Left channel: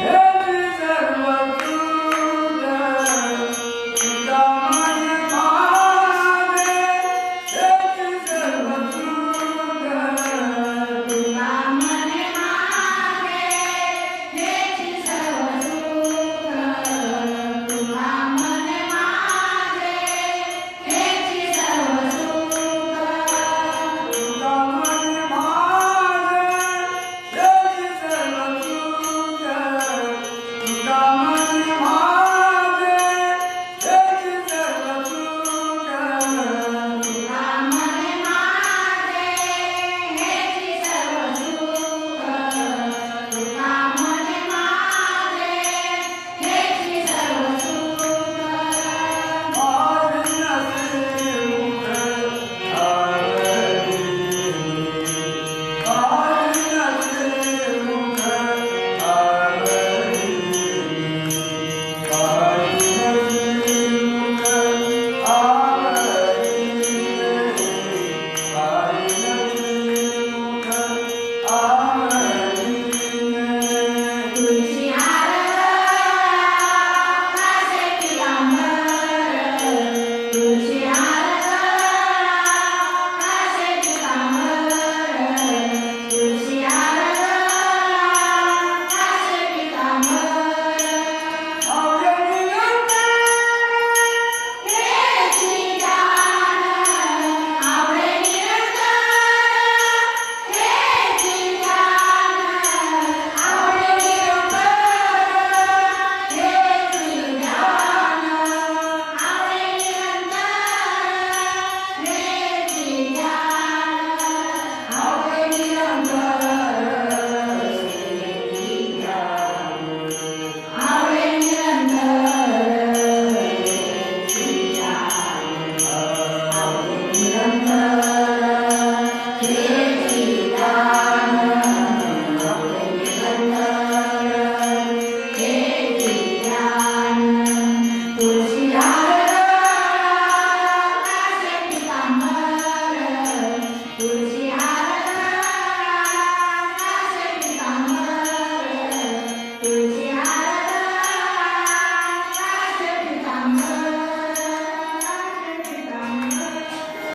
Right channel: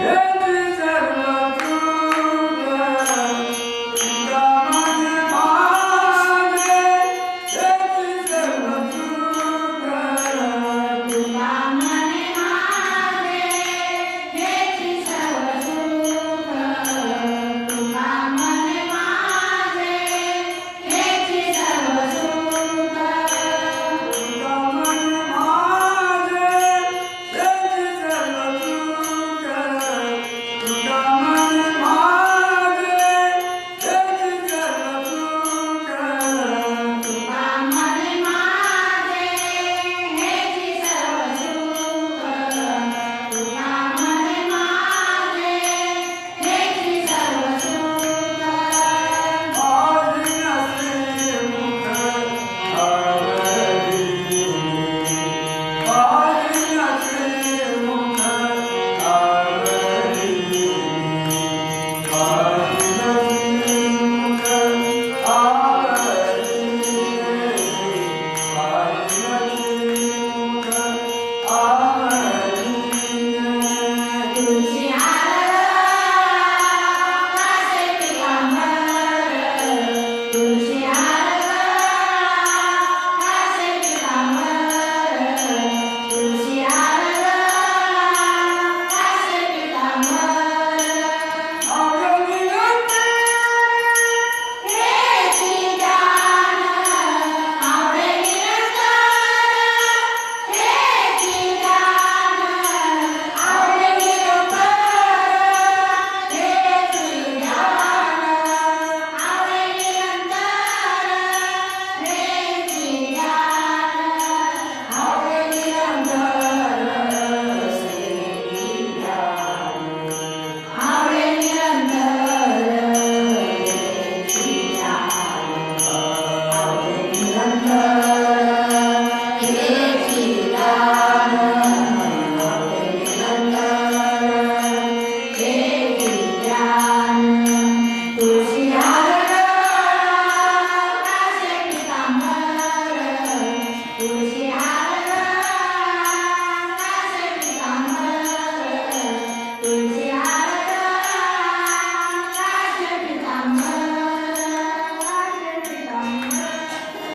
Yeah.